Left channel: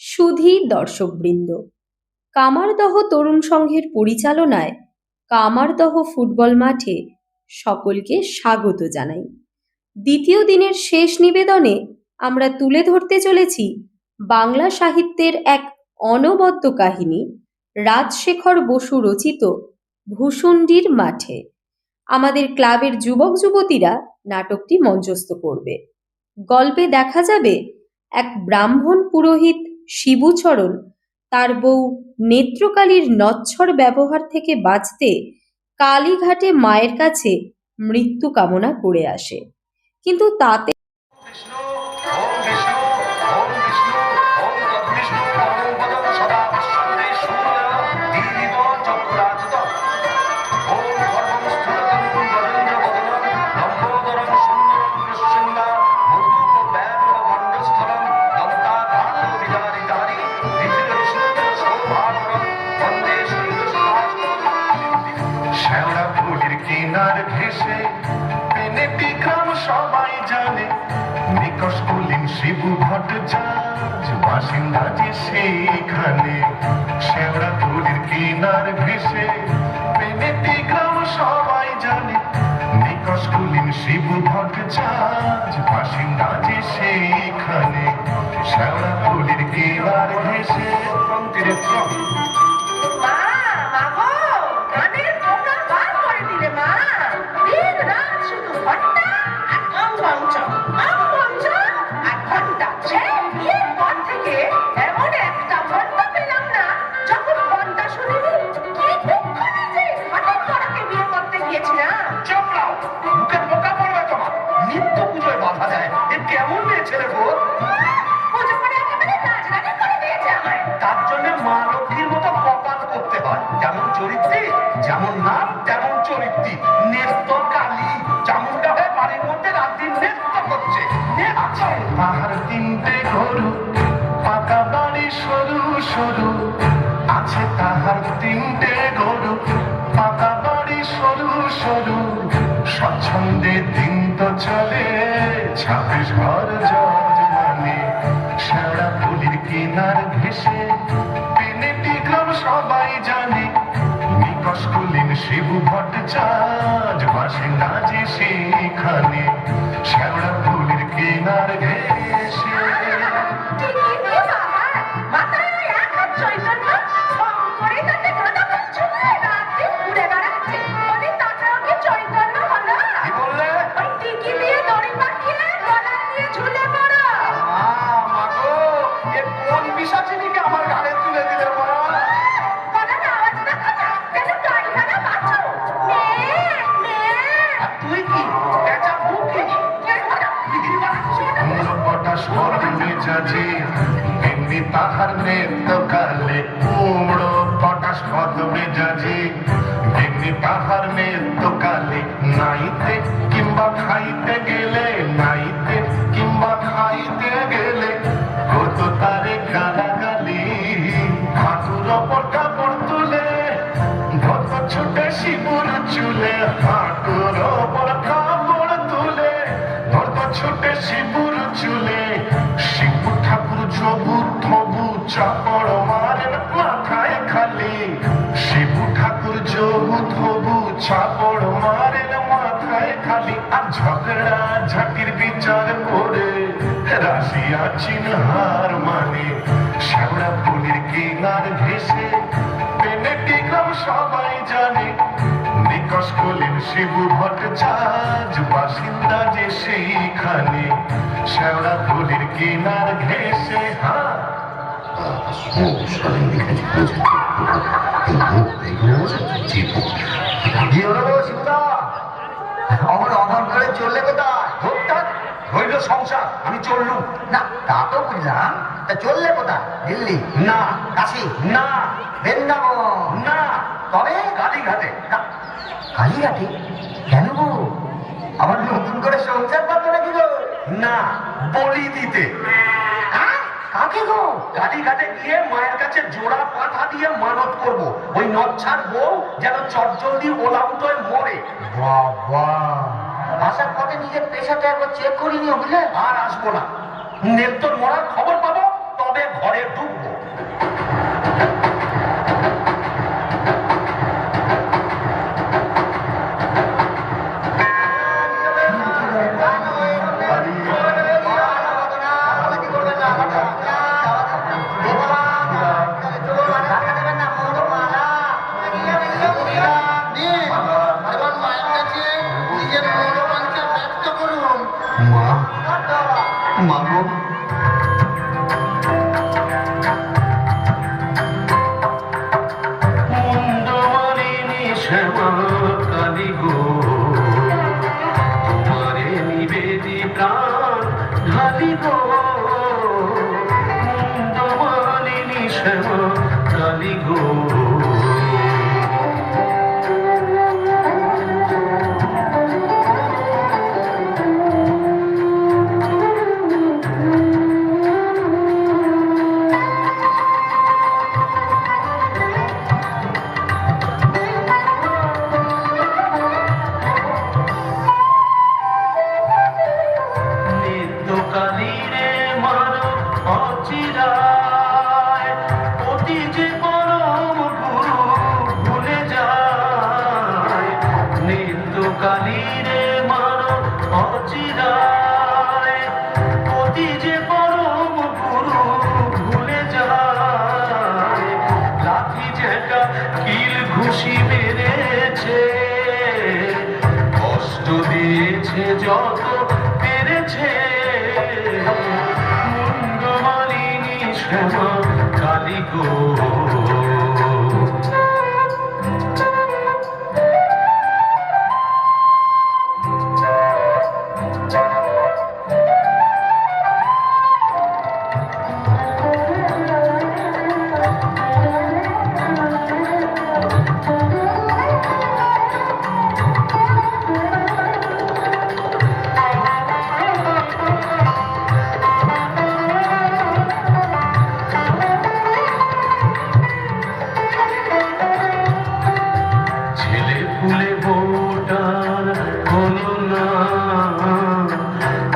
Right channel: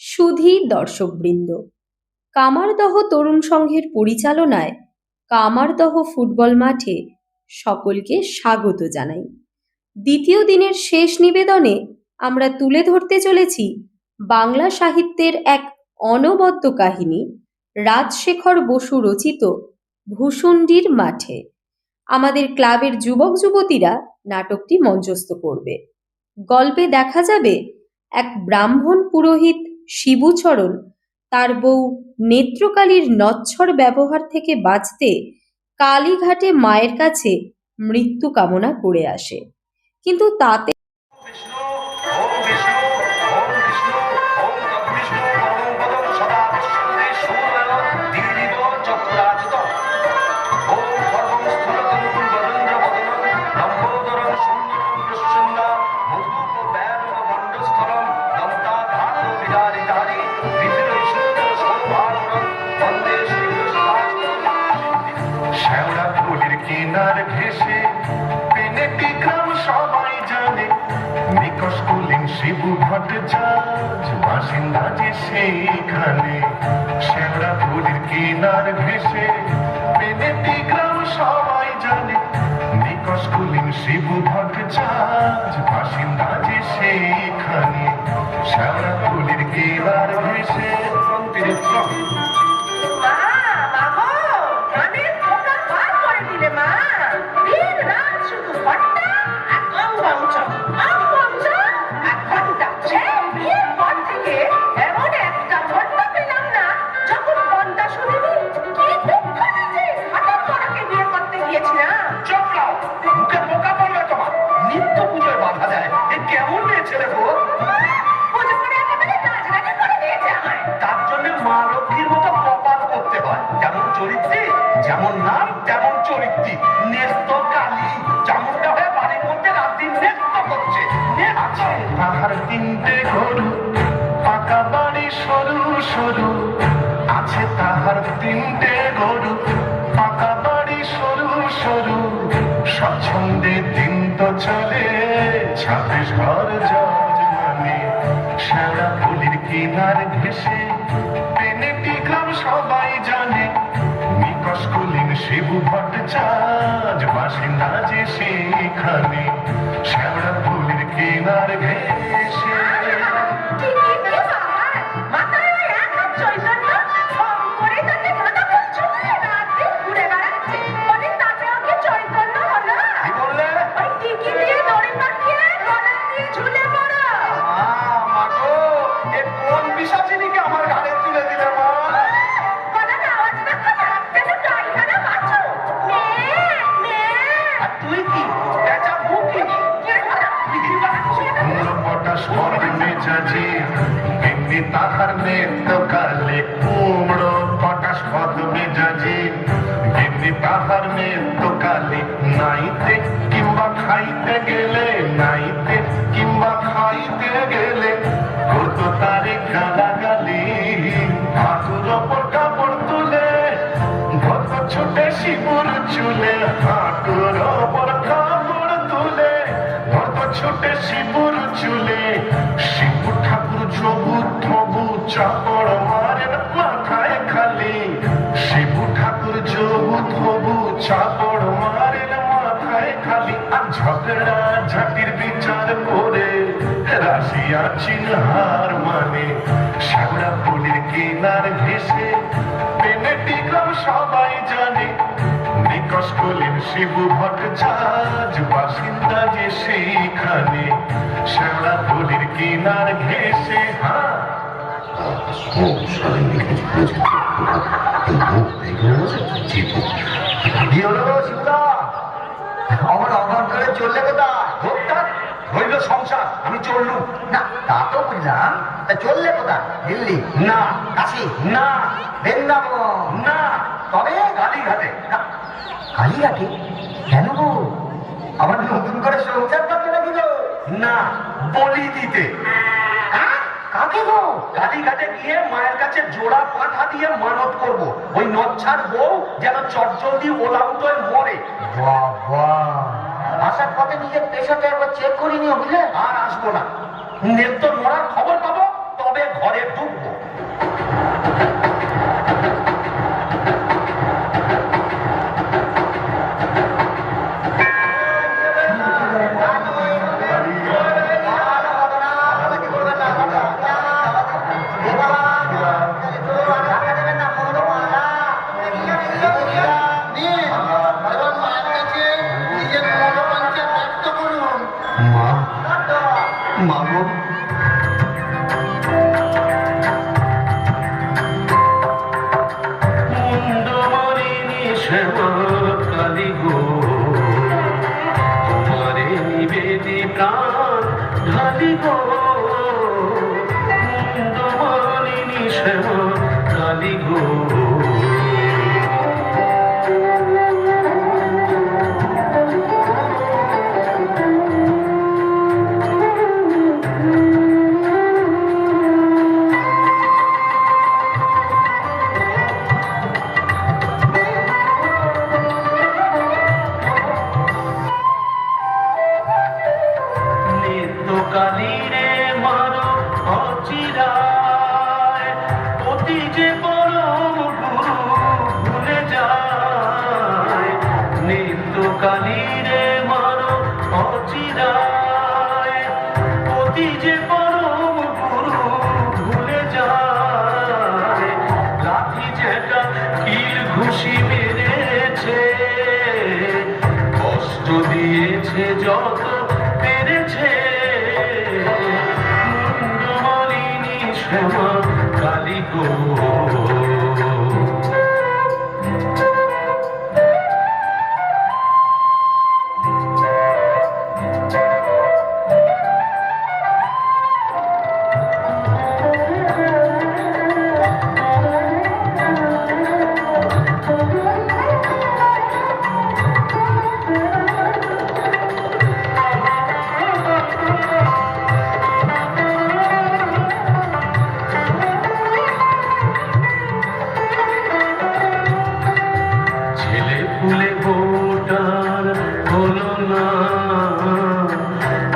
সুধী দর্শকবৃন্দ, কামারদহ তরুণ সংঘের পরিচালনায় কামারদহ ফুটবল মাঠে সকলকে স্বাগত জানাই। দ্বিতীয় দিনের শেষ নিবেদনে আমরা তুলে ধরতে চলেছি বাংলা সাহিত্যের এক অনবদ্য কাহিনী, রাজশেখর বসু রচিত ভূষুণ্ডির মাঠে। আমাদের ক্লাবের যুবক যুবতীরা নাটকটি মঞ্চস্থ করবে। গল্পে দেখা যাবে এক ব্রাহ্মণ পুরোহিত শিবুচরণ তার বউ নেত্রকালীর নচ্ছর ব্যবহার থেকে বাঁচতে কালীঘাটে মায়ের কাছে মৃত্যু কামনা করে আসে, কিন্তু তাতে শিবু ভট্টাচার্য বাসিন্দা যে সেইখানে শ্যামরা ফুলের কিনার ঘেসে পেনেটি গ্রাম সবাই জানে নিকশ কুলিন শিবু ভট্টাচার্য বাসিন্দা যে সেইখানে শ্যামরা ফুলের কিনার ঘেসে যেমন নাম তেমন চরিত্রী নেত্য কালী চামুন্ডা হয়ে বাড়ির মধ্যে রাত দিন নৃত্য করছে। পাহাড় তিনটে গরু পাকা বাড়ি সরু সরু আছে, তাহার তিনটে গরু পাকা বাড়ি সরু সরু স্বচ্ছন্দে দিন তো চলে 26 ঘর জজমানে শ্যাওড়া ফুলির কিনার ঘেসে পেনেটি গ্রাম সবাই জানে নিকশ কুলিন শিবু ভট্টাচার্য বাসিন্দা যে সেইখানে শ্যাওড়া ফুলের কিনার ঘেসে। আমার ঘাড়ে তুলে দিলে তাহার নেত্য কালে কুমড়ো পটাশ পদ মেজাজি এমনি তাহার নেত্য কালে নাইতে কিংবা খাইতে গেলে নাইতে কিংবা খাইতে গেলে কত তারে গালাগালি হাঁটুর ওপর কাপড় তুলে ধত ছুটে শিবুর চুলে হাঁটুর ওপর কাপড় তুলে ধত ছুটে শিবুর চুলে শিবু ঠাকুর জবু থবু চাপড় মারেন মাথায় খালি শিবু ঠাকুর জবু থবু চাপড় মারেন মাথায় খালি আর ঝগড়া ঝাঁটির বিচার করে রাশিয়া চিনহার মানে শ্যাওড়া ফুলের কিনার ঘেসে পেনেটি গ্রাম সবাই জানে নিকশ কুলিন শিবু ভট্টাচার্য বাসিন্দা যে সেইখানে শ্যাওড়া ফুলের কিনার ঘেসে। আমার অনর করে চললে কোথায়? হইল সংসার, আমি চললুম না, তা তো বুঝলাম। তা চললে কোথায়? দিল্লি না, কাশী না, বৃন্দাবন না, তবে কালীঘাটে। কালীঘাটে কেন গো? আবার নতুন করে সংসার পাবে নাকি গো? না, বলি দিতে। কাকে গো? কালীঘাটে গিয়ে মায়ের কাছে জোড়া পাঠা দিয়ে মানত করব, ওই নচ্ছার বউ যেন চটজলদি ওলাউটোয় মরে। বাবা, আসার পথে নিজের পেশাটা একবার চেক করিনি বুঝলে? আর আসবো না, নেত্তর মরার খবর পাবো তবে ঘরে ঢুকবো। মা, মা গো, মুন্ডমালিনী শ্যামা কালী গো, তোমারে নিবেদি প্রাণ ঢালি গো, মুন্ডমালিনী শ্যামা কালী গো। কালীরে মানো অচিরায়, অতি যে পরম গুরু ভুলে যায়। নিত্য কালীরে মানো অচিরায়, অতি যে পরম গুরু ভুলে যায়। লাঠি ঝেঁকা কিল ঘুষি মেরেছে, কষ্ট দিয়েছে যত পেরেছে, মুন্ডমালিনী শ্যামা কালী গো। ফুলে ভোটার হলো না,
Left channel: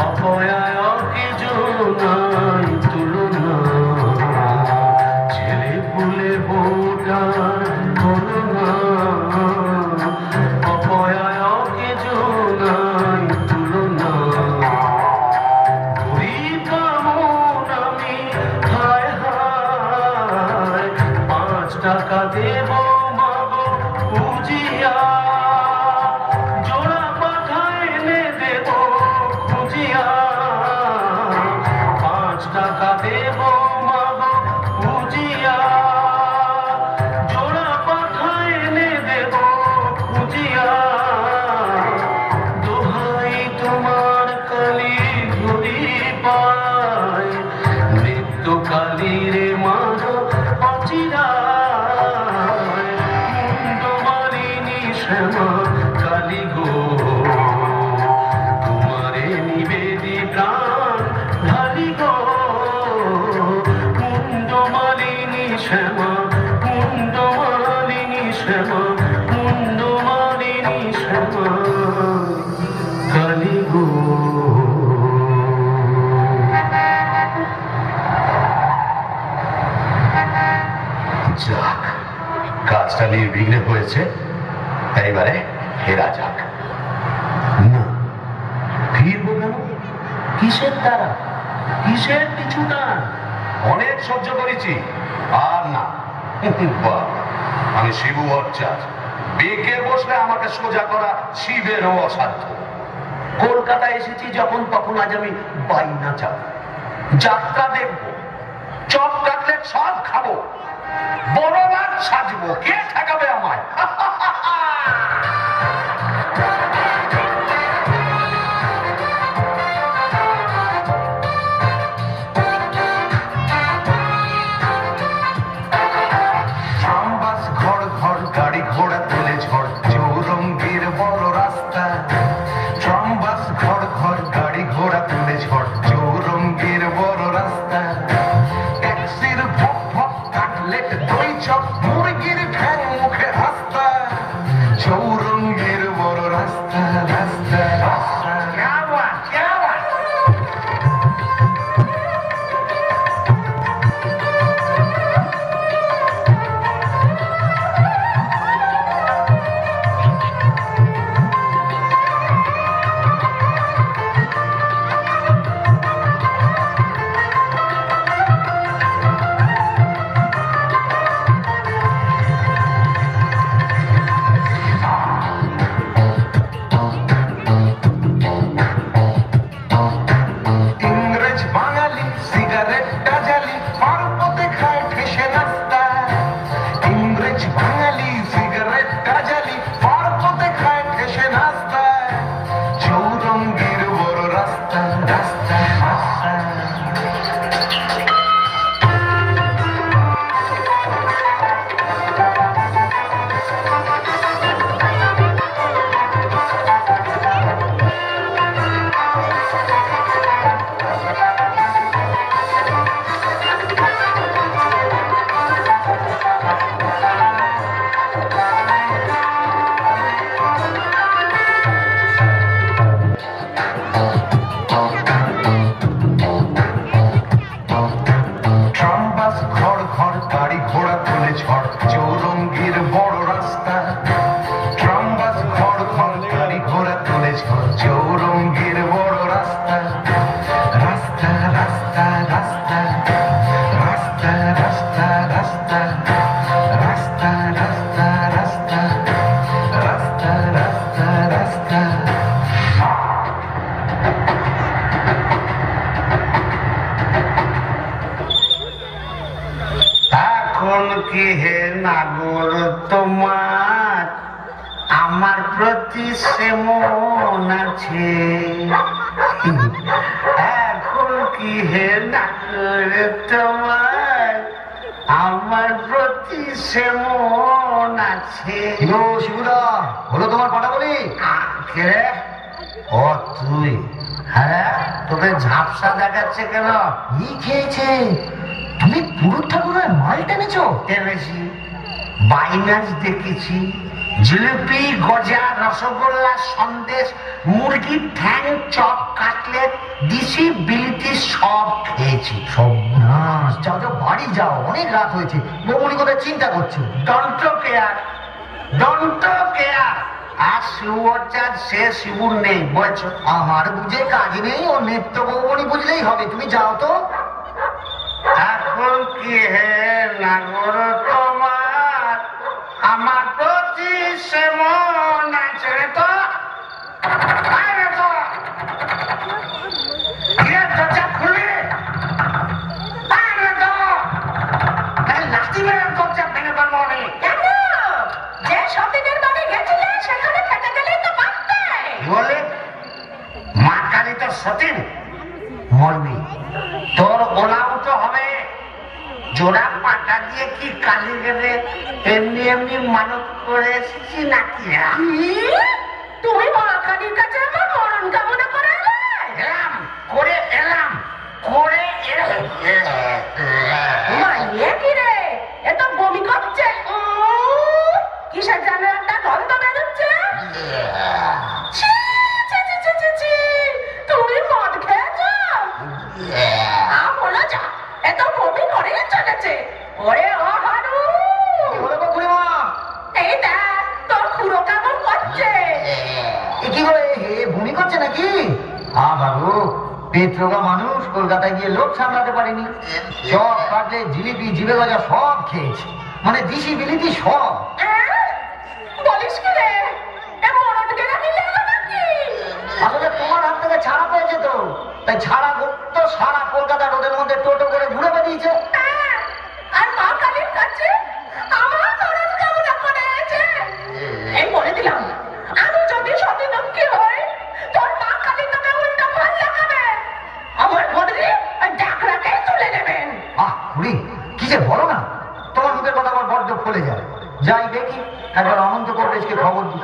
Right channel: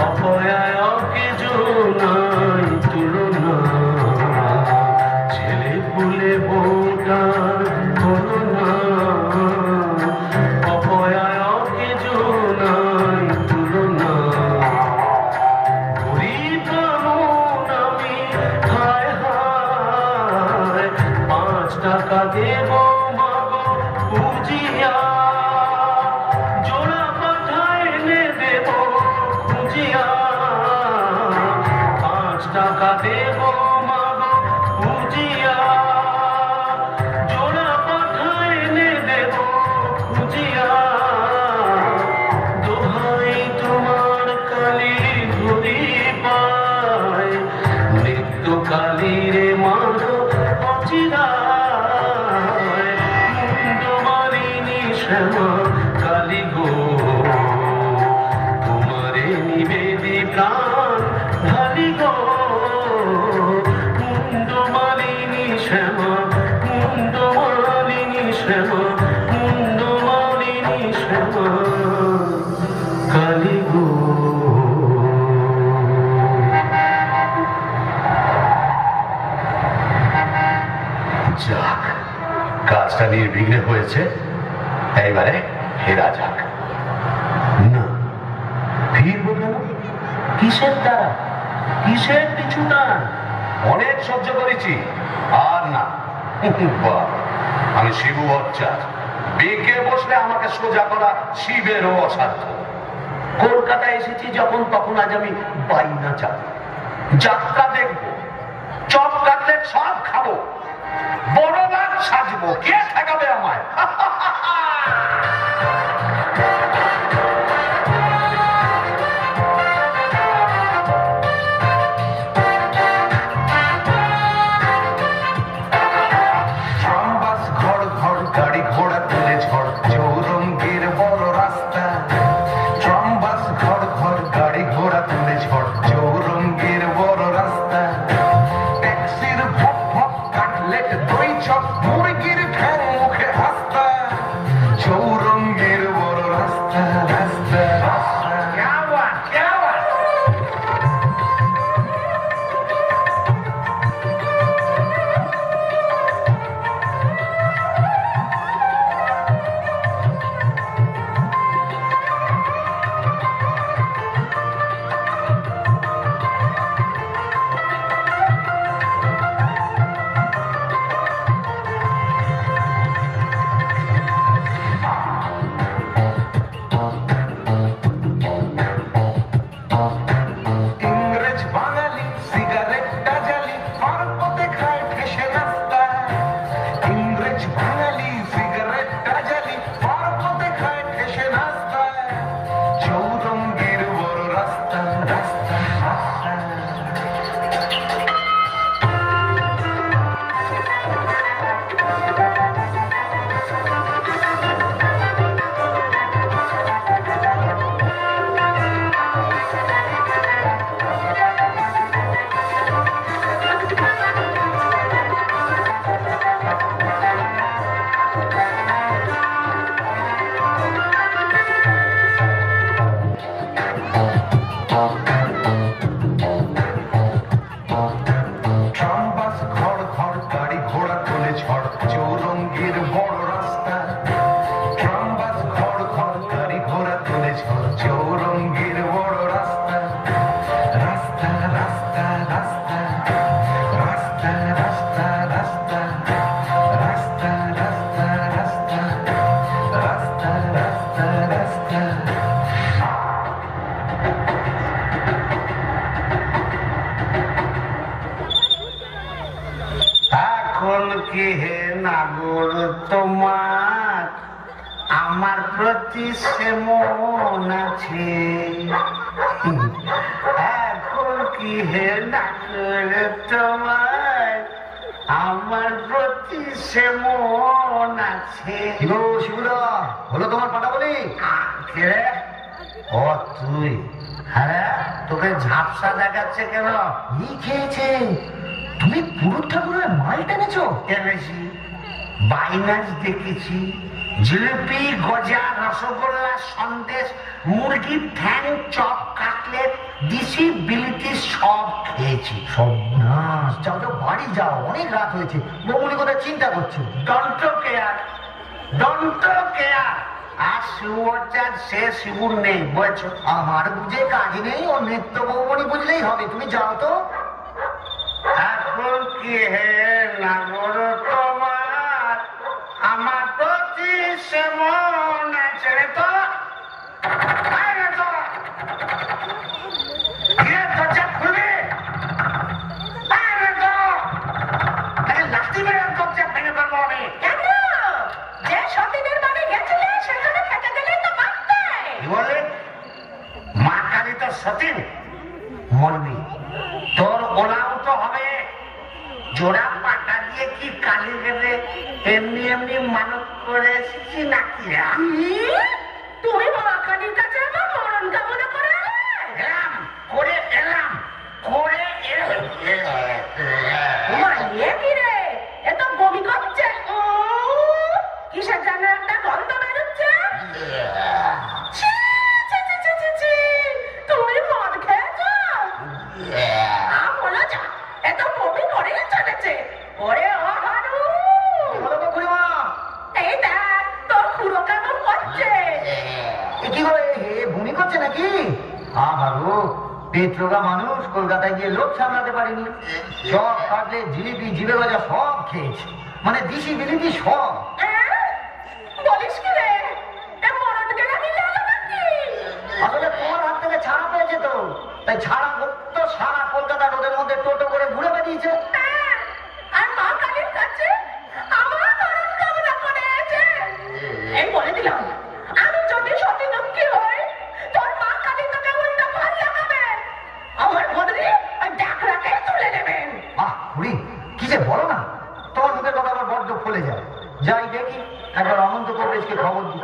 অপয়ায় অকিজনাই তুলনা। ছেলে ফুলে ভোটার হলো না, অপয়ায় অকিজনাই তুলনা। গরিব মন আমি হায় হায়, 5 টাকা দেব মাগো বুঝিয়া, জোড়া পাঠায় এনে দেব খুঁজিয়া। 5 টাকা দেব মাগো বুঝিয়া, জোড়া পাঠায় এনে দেব খুঁজিয়া। দোহাই তোমার কালী ধরি পায়, নিত্য কালীরে মাগো অচিরায়। মুন্ডমালিনী শ্যামা কালী গো, তোমারে নিবেদি প্রাণ ঢালি গো। মুন্ডমালিনী শ্যামা, মুন্ডমালিনী শ্যামা, মুন্ডমালিনী শ্যামা কালী গো। যাক, কাজটা নির্বিঘ্নে হয়েছে, এইবারে ফেরা যাক। না, ফিরবো কেন? কিসের দ্বারা, কিসের পিছু টান? অনেক সহ্য করেছি, আর না। বাহ, আমি শিবু ভট্টাচার্য, বেঁকে বসলে আমাকে সোজা করা শিবেরও অসাধ্য। কলকাতায় এসেছি যখন, তখন আজ আমি বাইনা যাব, যাত্রা দেখবো, চপ কাটলেট সব খাবো, বড় মাছ সাজবো, কে ঠেকাবে আমায়? গাড়ি ঘোড়া তুলে ঝড়, চৌরঙ্গীর বড় রাস্তা। ট্রাম বাস ঘর ঘর, গাড়ি ঘোড়া তুলে ঝড়, চৌরঙ্গীর বড় রাস্তা। ট্যাক্সির ভক ভক, কাটলেট দই চপ, মুরগির ঠ্যাং মুখে হাস্তা। এখন কি হে নাগর তোমার আমার প্রতি সেমন আছে? এখন কি হে নাগর তোমার আমার প্রতি সেমন আছে? হ্যালো শিবুদা, হলো তোমার পাটা বলি? কে রে? ও তুই? হ্যাঁ, তোকে ঝাপসা দেখাচ্ছে কেন? ই খেয়েছে, তুমি পুরুত ঠাকুরের মাল টেনেছো? টেনেছি, বাইনাস দেখেছি, জিলিপি, গজা, রসগোল্লা, সন্দেশ, মুরগির ঠ্যাং, চপ, কাটলেট, দিশি বিলিতি সব খেয়েছি। সব না, যাও যাও বাড়ি যাও, অনেক রাত হয়েছে। বৌমনি কোথায় চিন্তা করছো? Don't care, don't care. আর শিবুর সে শিবুর নেই, বলছো? আমার বুঝে কাজ নেই, ও নিত্য বৌমনি বুঝলেই হবে। তুমি যাও তো। এখন কি হে নাগর তোমার আমার প্রতি সেমন আছে রে? তো আরে তো দরজা খুলে আরে তো লাঠি মেরে দরজা ভেঙে দেবো আমি। কেন? যে সতীনের বাড়ি গেছিলে সেখানে থেকে গেলেই তো পারতে। কি বলে? মা কালী তো সতীন, মরবি, তোর ওলাও তো হবে। জোড়া পাটা দিয়ে কি কালী দেবে? এমনি এমনি মানত করে এসেছি নাকি? তুমি মা কালীর কাছে আমার মরণ কামনা করে এলে? এলাম করে এলাম করে তোমার ইয়ে কি রে? এ তো বমি করছে। কিসের যেন একটা গন্ধ বেরোচ্ছে। ছি, ছি, ছি, ছি, ছি, ছি। তুমি মদ খেয়েছো? বলো যা, এ তো বমি করেই চলেছে। ওরে ও হারু, কি হলো গো খুড়িমা? এই দেখ তোর খুড়ো কেমন করছে। এ কি গো, হে ভূমি করছে নাকি? বাবু, পেট রোগা মানুষ, কলকাতায় গিয়ে লোক সামলাতে পারেনি। সব কাটলে, জিলিপি, জিবে গজা সব খেয়েছে, মানে দিশি বিলিতি সব। বলিস কি রে? এ মরণ গেলে কি লেগে নাকি? আসলে তোমার হাত থেকে ছাড়া পেয়েছে তো, তাই ছাড়া তো সারা কলকাতা রোদের মধ্যে টোটো করে ঘুরে বেরিয়েছে। আর মা কালীর কাছে আমার মরণ কামনা করেছে। এই বলে দিলাম, আমি যদি সতী লক্ষ্মী হই, তোর মা কালী তোকে উল্টো ফল লাগাবে। আমার বদলে ওই ডাকরাকেই তুলে নেবেন। খুড়ি, কি যে বলো না, তোমার মুখের কথা আমার বড্ড ফলে যায়। যাই দেখি, একবার অনন্ত কবরেজকে খবর দিই।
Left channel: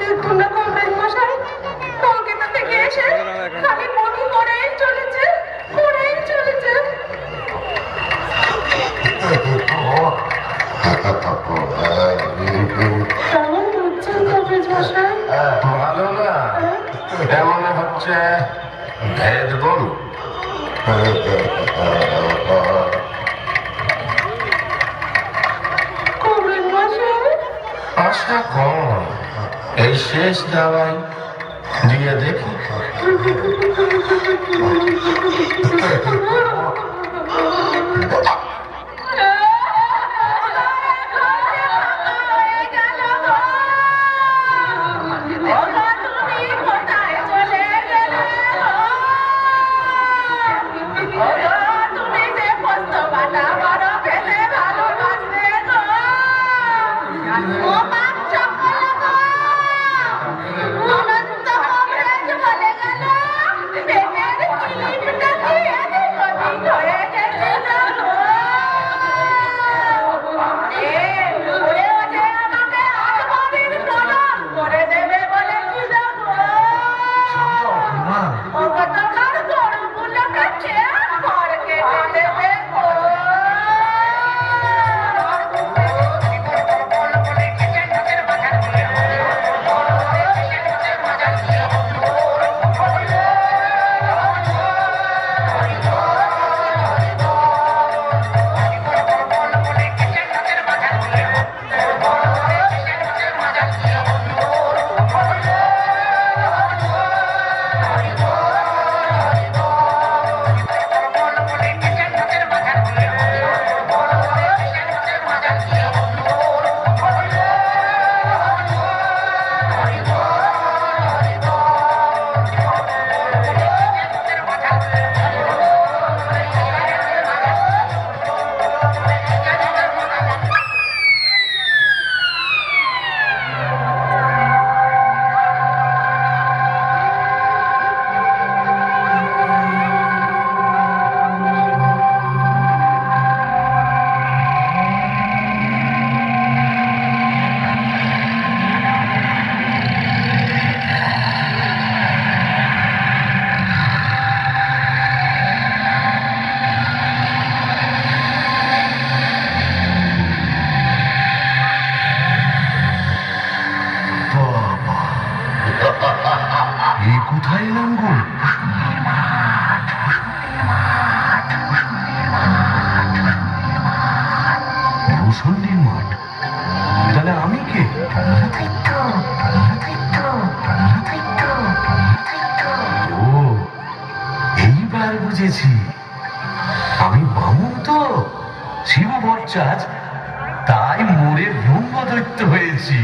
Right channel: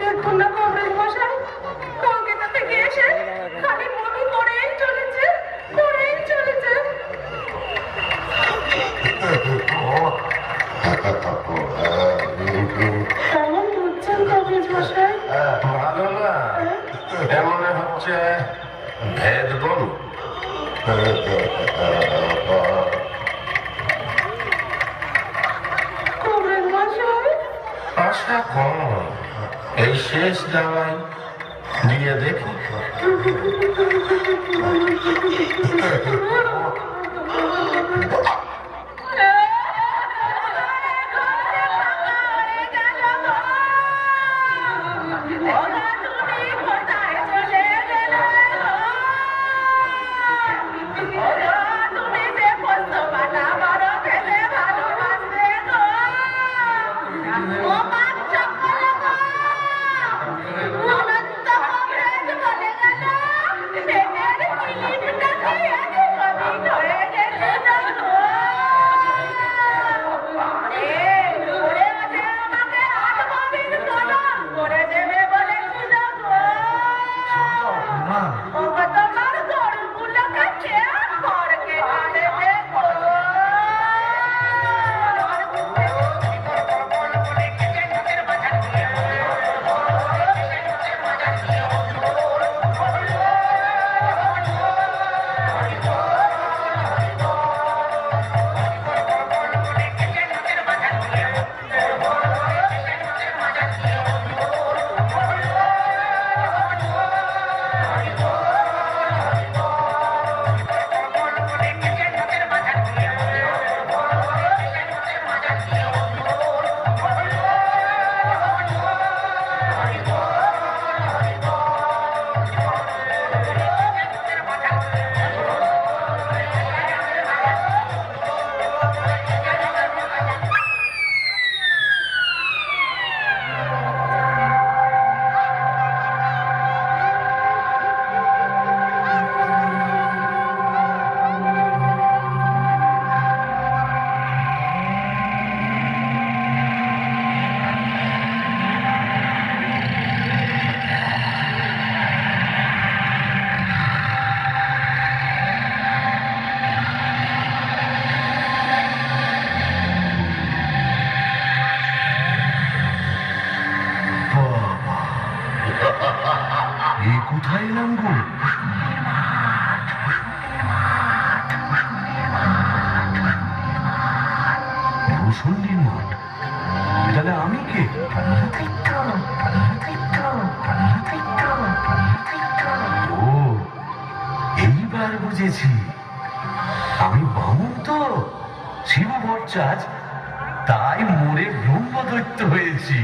দেখুন না কবরেজ মশাই, কলকাতা থেকে এসে খালি বমি করেই চলেছে, করেই চলেছে। কেমন বুঝছেন কবরেজ মশাই? ভালো না, এমন হচ্ছে ভেদ বল। কবরেজ মশাই, আশা কম, এই শেষ দাওয়াই দিয়ে দেখি। Oh, কোথায় এলাম গো? মুসল্লির মাঠ? তাহলে আমি কে? ও, এইবার বুঝেছি। আমি বামুন তো, শিব ভট্টাচার্য, তাই মোড়ে ব্রহ্মদৈত্য হয়েছি।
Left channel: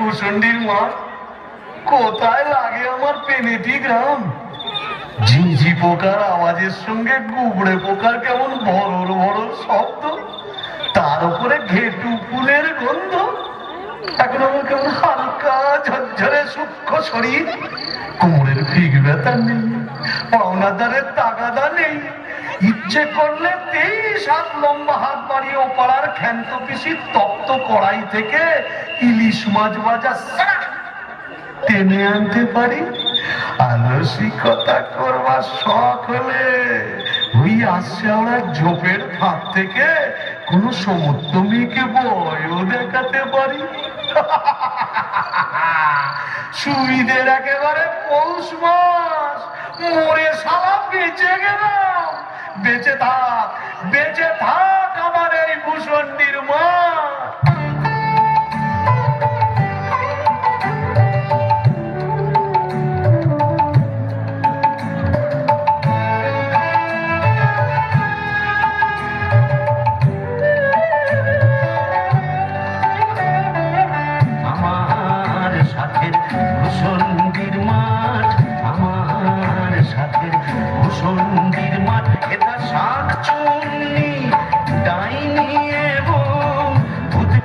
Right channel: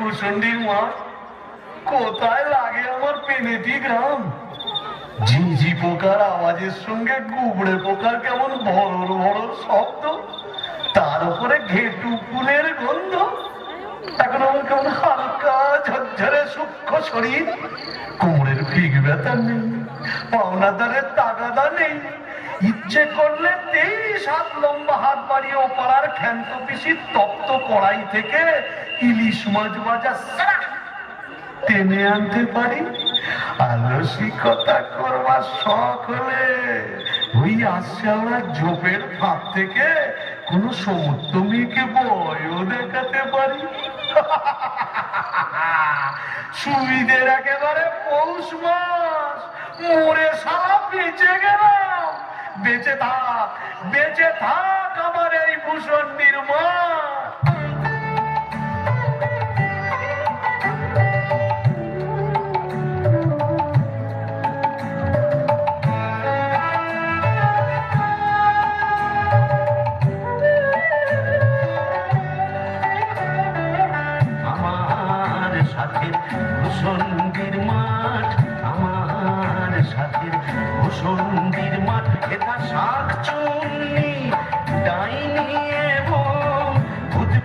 ভূষণ্ডির মাঠ কোথায় লাগে আমার পেনেটি গ্রাম। ঝিঁঝি পোকার আওয়াজের সঙ্গে গুবড়ে পোকার কেমন ভরর ভরর শব্দ, তার উপরে ঘেটু ফুলের গন্ধ। এখন আমার কেমন হালকা ঝরঝরে সূক্ষ্ম শরীর, কোমরের ফিগ ব্যথা নেই, পাওনাদারের তাগাদা নেই। ইচ্ছে করলে 23 হাত লম্বা হাত বাড়িয়ে ওপাড়ার ক্ষান্ত পিসির তপ্ত কড়াই থেকে ইলিশ মাছ ভাজা টেনে আনতে পারি। আলসিকতা করবার শখ হলে ওই আসছে আমরা ঝোপের ফাঁক থেকে কোন সমুদ্র মেয়েকে বয়ও দেখাতে পারি। সুবিধের একেবারে পৌষ মাস, মরে সারা বেঁচে গেলাম। বেঁচে থাক আমার এই ভূষণ্ডির মা।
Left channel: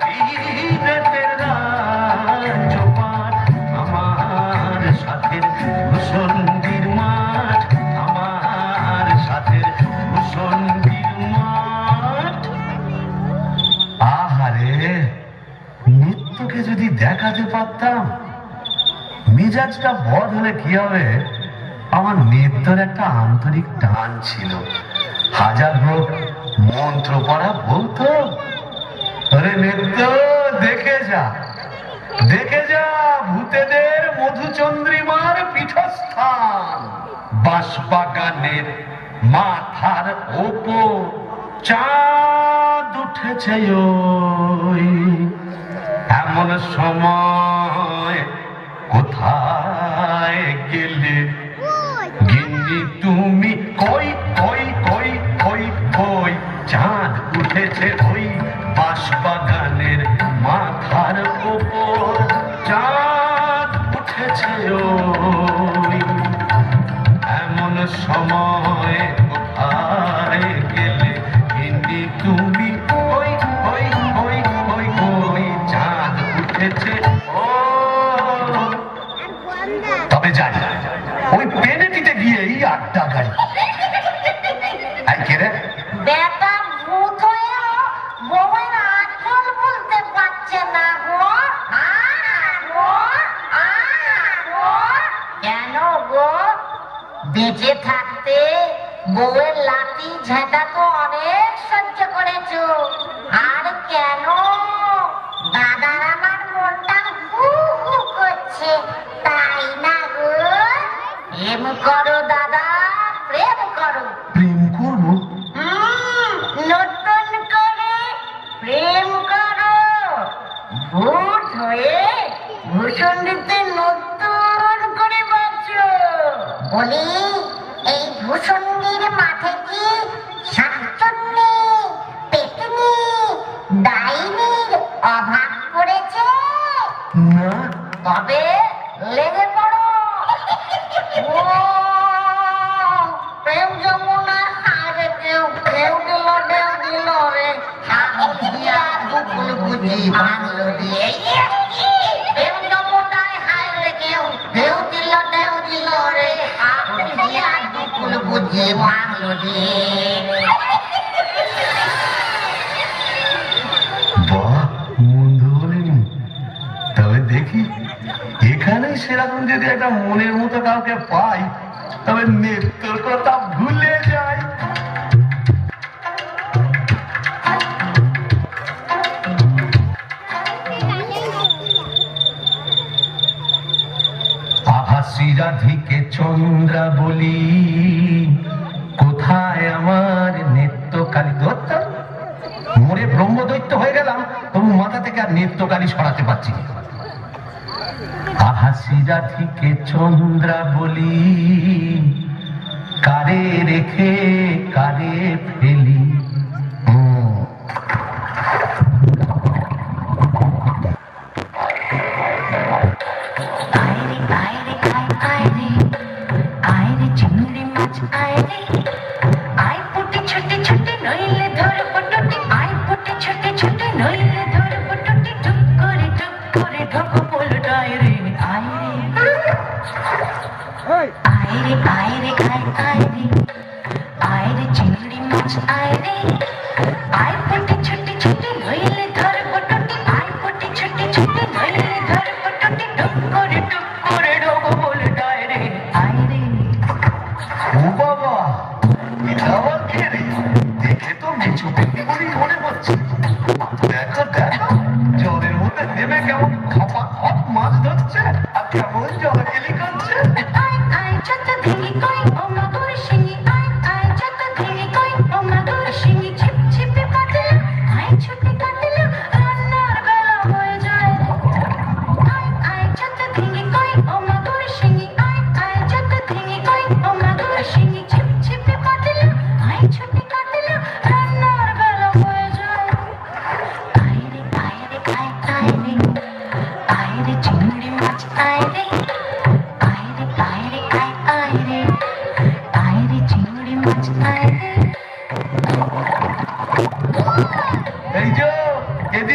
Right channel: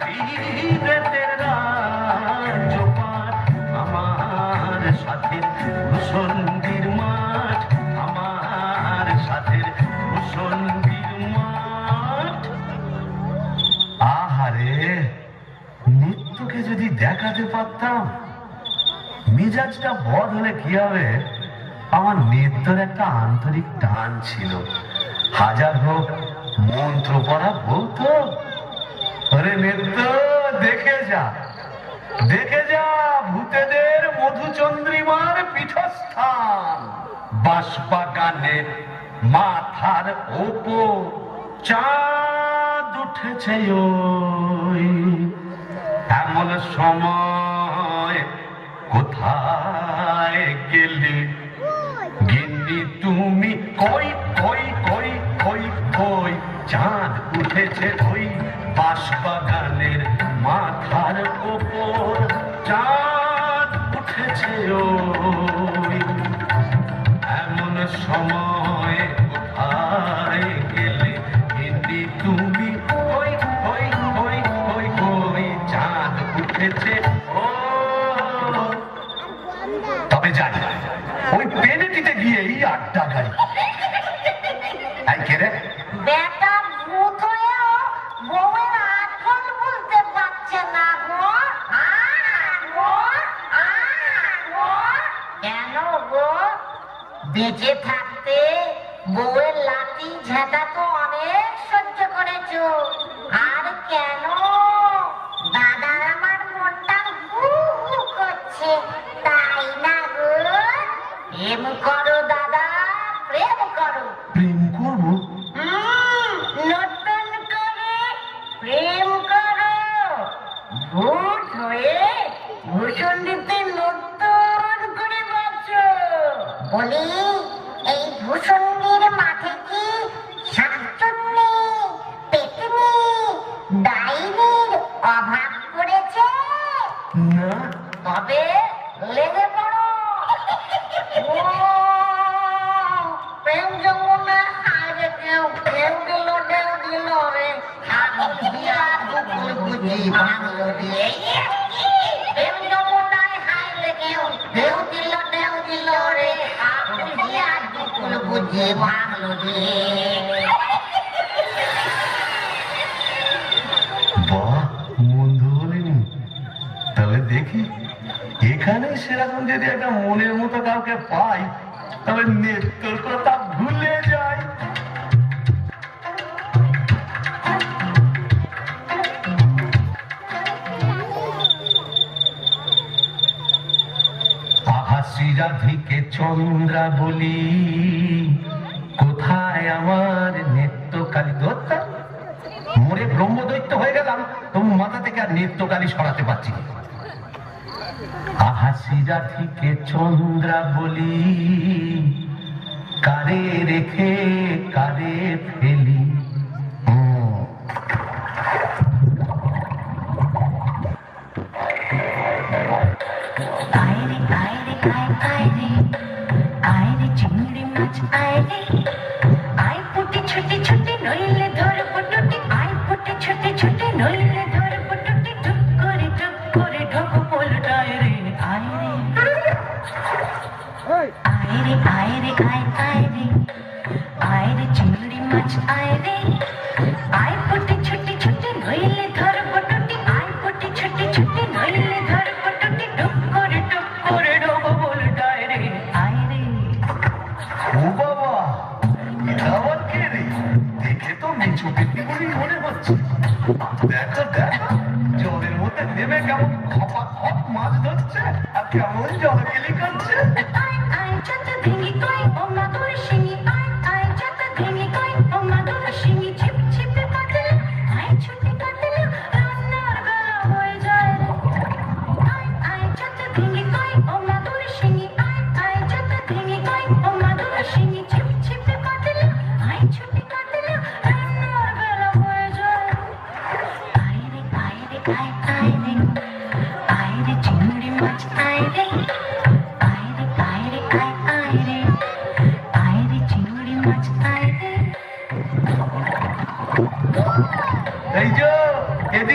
বিলেতের রাজ্যপাট, আমার সাথের ভূষণ্ডির মাঠ, আমার সাথের ভূষণ্ডির মাঠ। আহারে, নিত্যকে যদি দেখাতে পারতাম। মিজাজটা বদ হলে কি হবে, আমার নিত্যর একটা আন্তরিক টান ছিল। হাজার হোক মন্ত্র পড়া বলতো, আরে নিত্য দেখে যা, দেখে যা ভূতেদের মধুচন্দ্রিমার পীঠস্থান। বাঁশবাগানের মাথার ওপর চাঁদ উঠেছে ওই, এমন সময় কোথায় গেলে গিন্নি তুমি? কই কই কই কই কই, চাঁদ উঠেছে ওই বাঁশবাগানের মাথার ওপর, চাঁদ উঠেছে ওই, এমন সময় কোথায় গেলে গিন্নি তুমি? কই কই কই কই কই, চাঁদ উঠেছে ও। তবে যাই, ওই পেনেটিতে গিয়েই আড্ডা গাড়ি। এই কে রে? বেটা ভূত হয়েও বউয়ের আঁচল বলতে পারছে না গো। গো, গো। কেন গো? বেঁচে থাকতে বউয়ের লাঠি ঝাঁটা তো অনেক সহ্য করেছো, আর কেন? দাদার আমার মনটা হু হু করছে, তাই না গো? প্রেম করো দাদা, প্রেম করো। প্রেম করবো? নতুন করে প্রেম করো। ভূত হয়ে ভূষণ্ডিতে নতুন করে বাঁচো। বলি, এই ভূষণ্ডির মাঠে কি শাকচুন্নি, পেতনি, ডাইনির অভাব পড়েছে? না। তবে লেগে পড়ো। ও প্রেম যমুনা, আরে কেউ কেউ দিল, ঢেউ দিল রে, আগুন দিয়া দুকুল বুঝি ভাঙলো রে। প্রেম যমুনায় হায় রে, কেউ ঢেউ দিল রে, আগুন দিয়া দুকুল বুঝি ভাঙলো রে। বাহ, মন্দ বলিনি। তবে দেখি, এখানে সেরকম যদি একটা মনের মতো কাউকে পাই, তবে নেত্রর কথা ভুলে যাই। আভাসী রাধিকে চন্দ্রা বলি, কোথায় আমার নেত্রকালী? ধরতাম মরে ব্রহ্মদৈত্য হয়ে গেলাম, তবু মাথা থেকে আর নেত্রকালী সরাতে পারছি না। আহাসি রাধিকে চন্দ্রা বলি, কারে রেখে কারে ফেলি। চিংড়ি মাছ আয় রে, আয় পুটি ছোটে ছোটে, নইলে ধর পটুটি, আয় পুটি ছোটে ছোটে, নইলে ধর পটুটি, টুক করে ঢোক পোলটায় রে। আয় রে, আয় রে, আয় রে, আয় রে, আয় রে চিংড়ি মাছ আয় রে, আয় পুটি ছোটে ছোটে, নইলে ধর পটুটি, আয় পুটি ছোটে ছোটে, নইলে ধর পটুটি, টুক করে ঢোক পোলটায় রে। আয় রে। ও বাবা, এটা আবার কে রে? দেখে তো নিচু ব্যক্তি বলেই মনে হচ্ছে। দেখো দেখো, জলের মধ্যে নেমে কেমন খপা খপ মাছ ধরছে, আর কেমন জলকেলি করছে। আয় আয় যত দিলি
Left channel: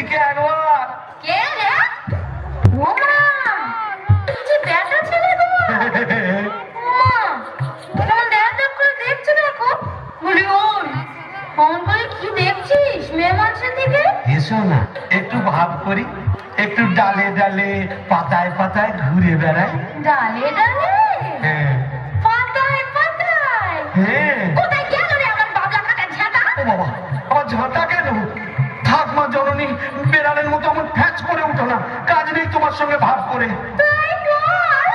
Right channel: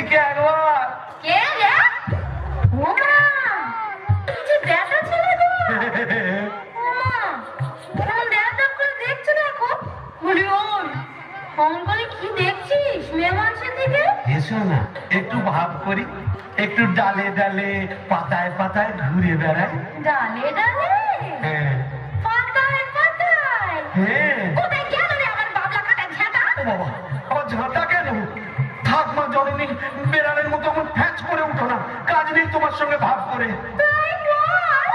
এদিকে একবার। কে রে? ওমা, কি যে ব্যাটা ছেলে গো। ওমা, কেমন দেখ করে দেখছো দেখো। বলি ওই, কেমন করে কি দেখছিস মেয়ে মানুষের দিকে? এসো না একটু ভাব করি, একটু ডালে ডালে পাতায় পাতায় ঘুরে বেড়াই। ডালে ডালে, হ্যাঁ পাতায় পাতায়। হ্যাঁ। কোথায় গেল রে আমার বাবলা কাটা ঝাঁটা? ও বাবা, আমার ঝাঁটা কেন? থাক মা জননী, বেড়ালের মতো আমার ফ্যাচ করে উঠো না, কাজ নেই তোমার সঙ্গে ভাব করে। তাই বল।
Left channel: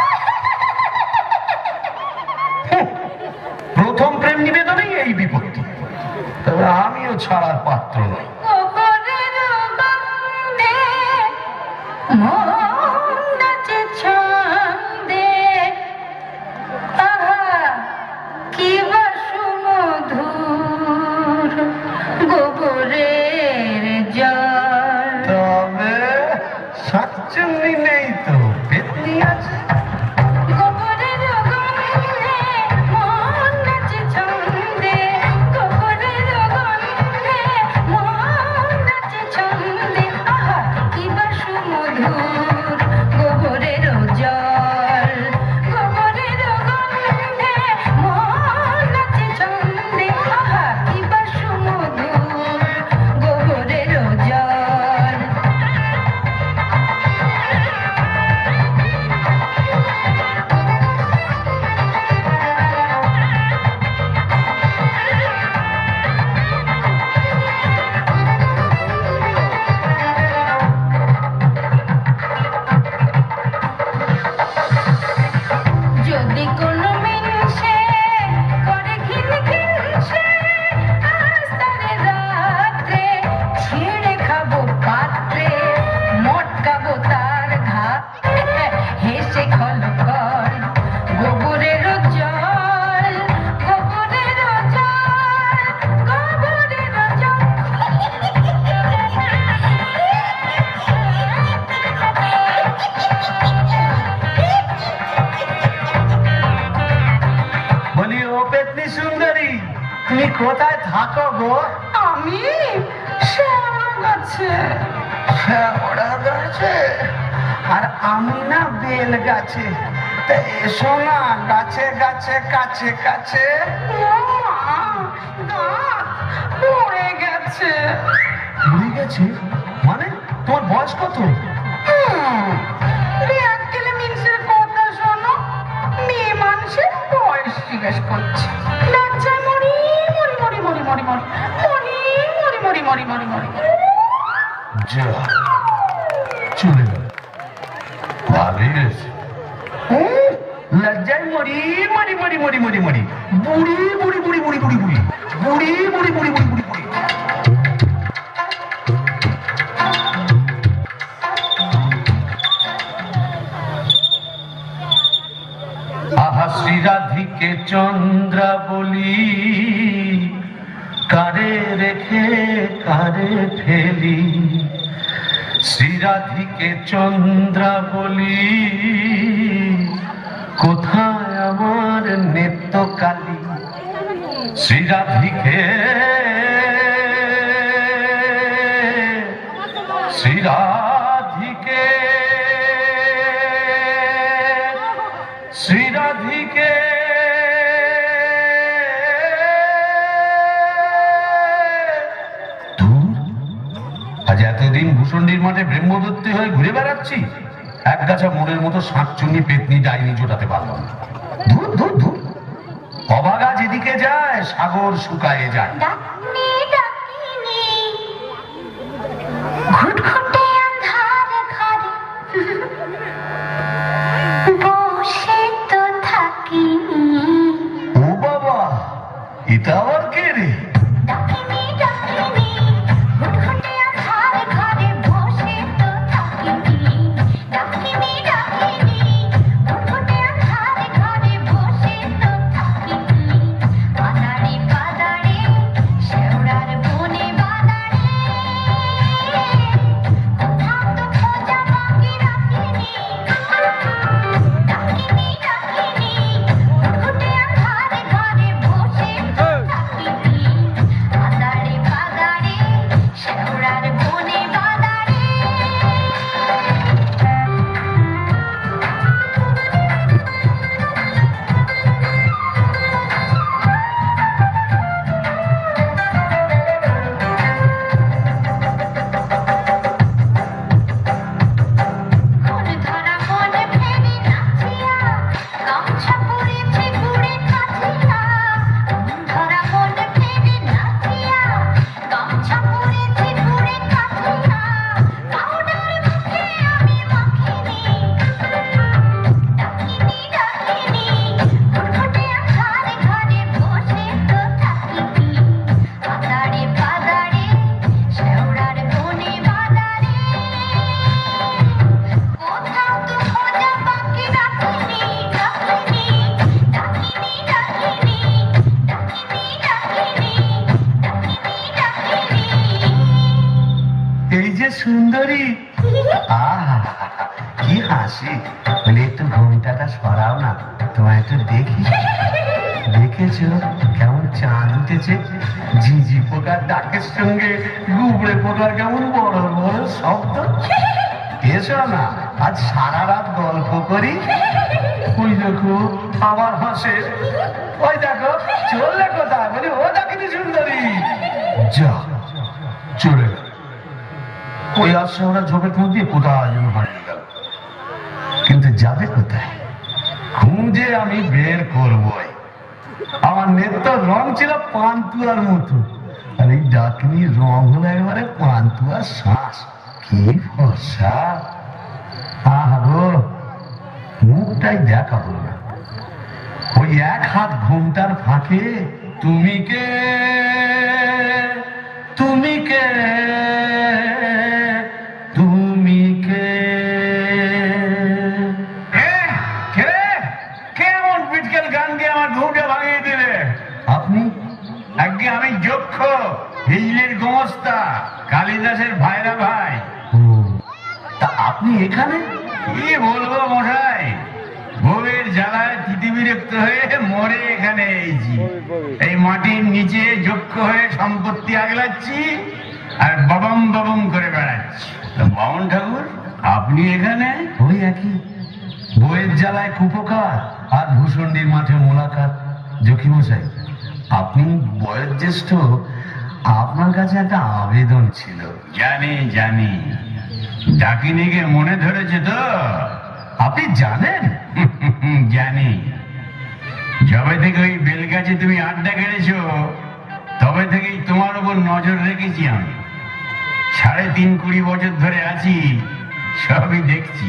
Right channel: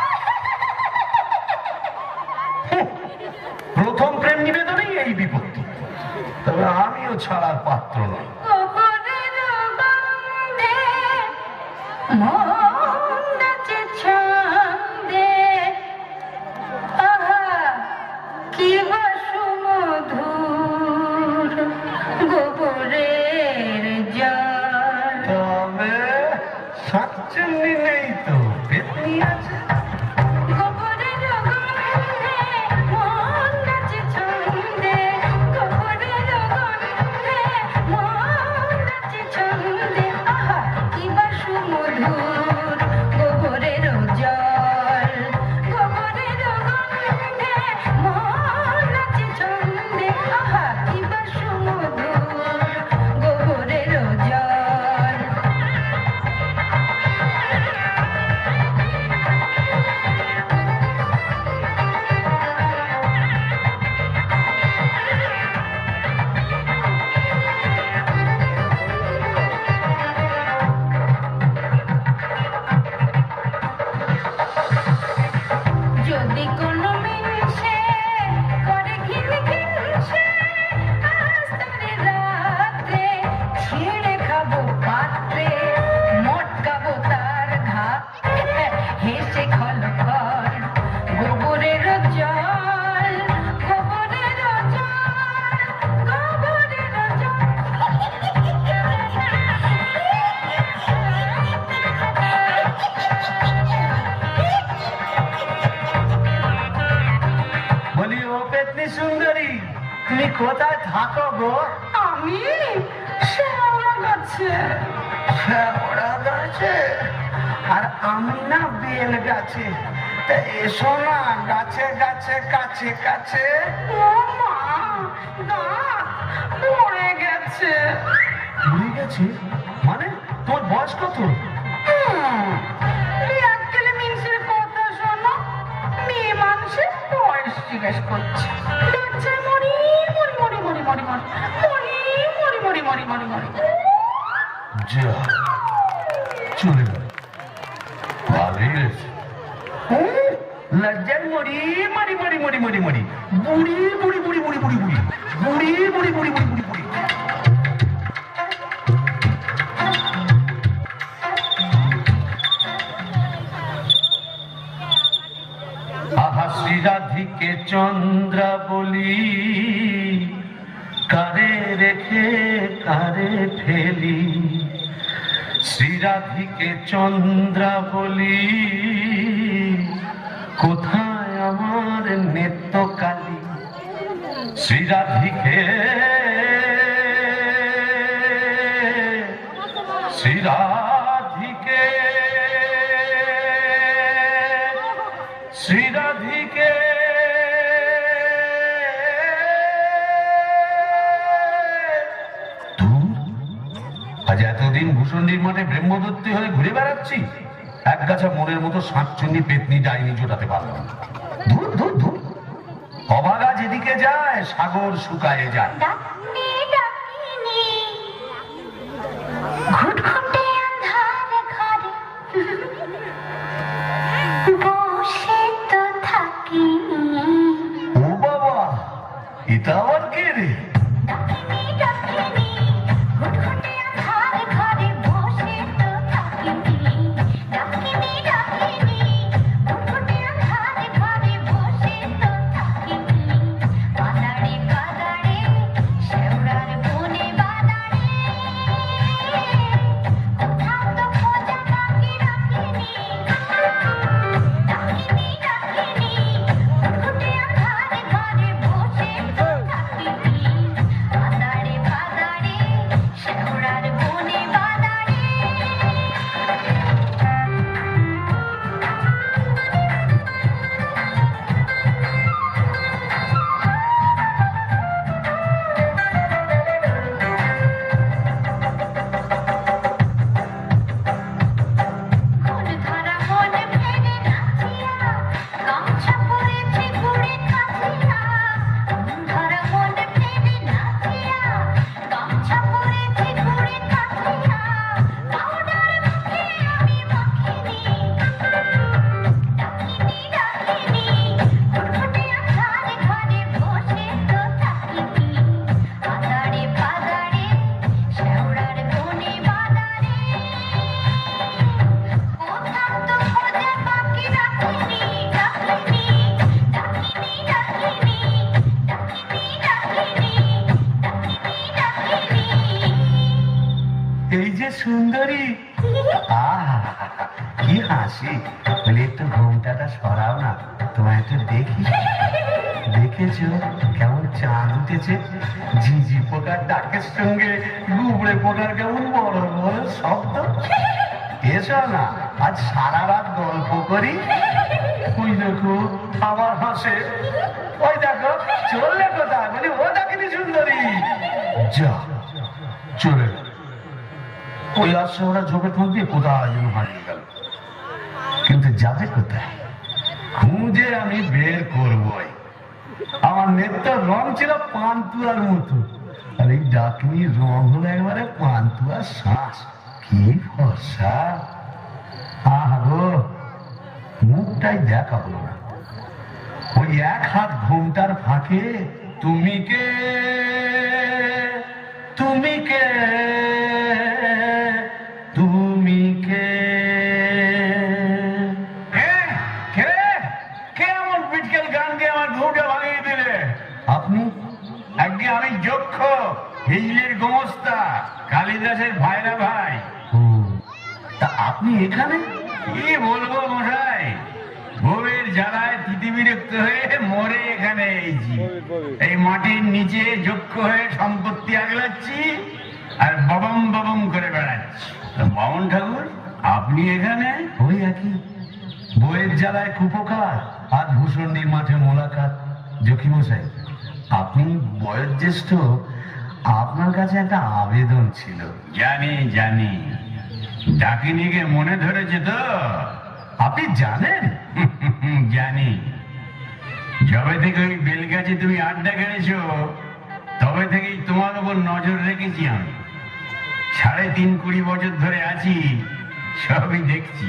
হুঁ, প্রথম প্রেম নিবেদনেই এই বিপত্তি, তবে আমিও ছাড়ার পাত্র নই। গোবরের গন্ধে মন নাচে ছন্দে, আহা কি বা সুমধুর গোবরের জল। তবে শাকচুন্নি নেই তো, পেতনি আছে। গোবরের গন্ধে মন নাচে ছন্দে, গোবরের গন্ধে মন নাচে ছন্দে, আহা কি বা সুমধুর গোবরের জল। গোবরের গন্ধে মন নাচে ছন্দে, আহা কি বা সুমধুর গোবরের জল। যদি কোনো মিনসে করে ঘিন ঘিনসে, আজ তারে রাত্রে ছিঁড়ে খাবো পাত্রে, মটকাবো তার ঘাত, হেসে খলকল গোবরের জল, গোবরের জল, গোবরের জল। বলি ও পেতনি সুন্দরী, তুমি কোথায় থাকো গো? আমি শ্যাওড়া গাছে। শ্যাওড়া গাছে? আর আমি না বেল গাছে। তা এসো না গাছে গাছে কাছে কাছে। ও মা, দাঁত পড়ে গেছে। ভুলে গেছে মানে? তোমার বয়স কত? এককেলে মিনসের কথা শোনো, মেয়ে মানুষের বয়স জিজ্ঞেস করছে। লজ্জায় মরি মরি মরি মরি মরি মরি মরি মরি মরি মরি মরি মরি। যা চলে গেল, ভালোই হয়েছে। লজ্জায় মরি মরি মরি মরি মরি মরি, বুড়ি বুড়ি বুড়ি বুড়ি বুড়ি বুড়ি বুড়ি বুড়ি বুড়ি বুড়ি বুড়ি বুড়ি। আহা শ্রীরাধিকে চন্দ্রা বলি, কারে রেখে কারে ফেলি। শ্রীরাধিকে চন্দ্রা বলি, কোথায় আমার নেত্রকালী। শ্রীরাধিকে শ্রীরাধিকে শ্রীরাধিকে আজ এতদিন ভূষণ্ডির মাঠে ব্রহ্মদত্তি হয়ে ঘুরে বেড়াচ্ছি, এক গাছা মনের মতো শাঁকচুন্নি পেতনি ডাইনি জোটাতে পারলাম না। ধুর ধুর ধুর, অবাগা যেদিকে যায় সাগর শুকায়ে যায়। ডাকনি ডাকিনি ঘুটঘুটে আঁধারে ঘরে বসে তো থাকি। ও বাবা, এটা আবার কে রে? ডাকিনি ডাকিনি ঘুটঘুটে আঁধারে ঘরে বসে তো থাকি। ডাকিনি ডাকিনি ঘুটঘুটে আঁধারে ঘরে বসে তো থাকি। কাদারে কাদারে সে সুন্দরী। আহা, কি হাসি। বলি একটু ঘুমটাটা সরাও না, তোমায় একটু দেখি। দেখেছো কেমন চাঁদ উঠেছে? ঝিঝি পোকার ডাকের সঙ্গে গুবড়ে পোকার কেমন বড় বড় শব্দ। এসো না, আজ সারা রাত গল্প করি। ওই দেখো আবার হাসে। ওই দেখো চললে কোথায়? বলি ও ডাকিনি সুন্দরী। যা চলে গেল। ওই আসছে ওরা ঝোপে ঠোঁট দিয়ে কোথায় যেন হারিয়ে গেল। কিন্তু যাবে কোথায় খুঁজে আমি বের করবই। আমার নেতার রং ছিল পান্তুয়ার মতো, আর এই ডাকনি রং হলো একেবারে পান্তুয়ার শ্বাস। কি ফর্সা! আহো, মুখটাই দেখা হলো না। ওই এক হাত ঘুমটার ফাঁকে তুমি কে, তুমি কে, তুমি কে? কেমন পিটকেল গান দিয়ে আমার ঘুমটা ভাঙিয়ে দিলে? আপনি? আগে আমি যক্ষ, হিজলির গোমস্তা, কালিদাসের ভাইরা ভাই। তা আপনি এখানে? কি বলবো মশাই, বউয়ের জ্বালায় পৃথিবীরক্ত হয়ে মরে এখানে এইছি। এই মাটির নিচে যক্ষ হয়ে সম্পত্তি আগলাচ্ছি আর বাবাম বাবাম করে বেড়াচ্ছি। তো বামন ঠাকুর আপনি এখানে? ওই একই, বউয়ের জ্বালায় কুপোকার আর ভূষণ্ডির মাঠে মোলাকাত। জকিমশাই, আপনি বয়োজ্যেষ্ঠ, আপনার কাছে একটা আবেদন ছিল। জানি জানি, ডাকিনিকে মনে ধরেছে তো? আপনি জানেন? জানি। যবে থেকে ওই বেলগাছে তুমি আড্ডা কেড়েছো, তবে থেকেই তোমার উপর নজর রেখেছি আমি। ৩.৫ বছর ধরে আছি, সবই দেখছি,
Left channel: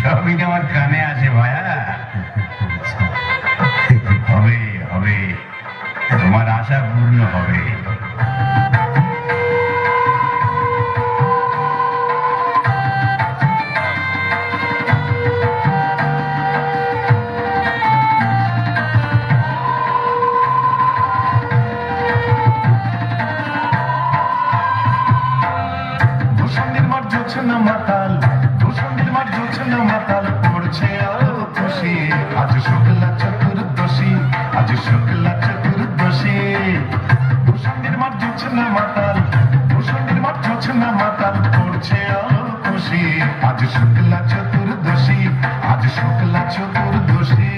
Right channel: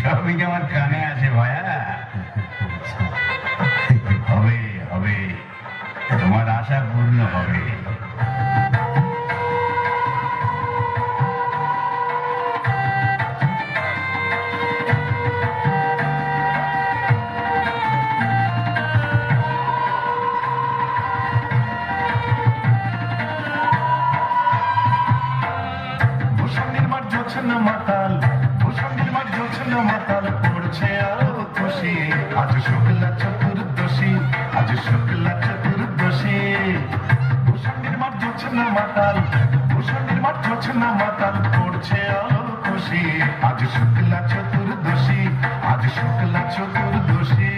সবই আমার কানে আসে ভায়া। হবে হবে, তোমার আশা পূর্ণ হবে। মাতাল, ভূষণ্ডির মাঠ জ্বলছে না মাতাল, পড়ছে আলো খুশি। আজ শুক্লা চতুর্দশী, আজ শুক্লা চতুর্দশী। ভূষণ্ডির মাঠ জ্বলছে না মাতাল, ভূষণ্ডির মাঠ জ্বলছে না মাতাল, পড়ছে আলো খুশি। আজ শুক্লা চতুর্দশী, আজ শুক্লা চতুর্দশী।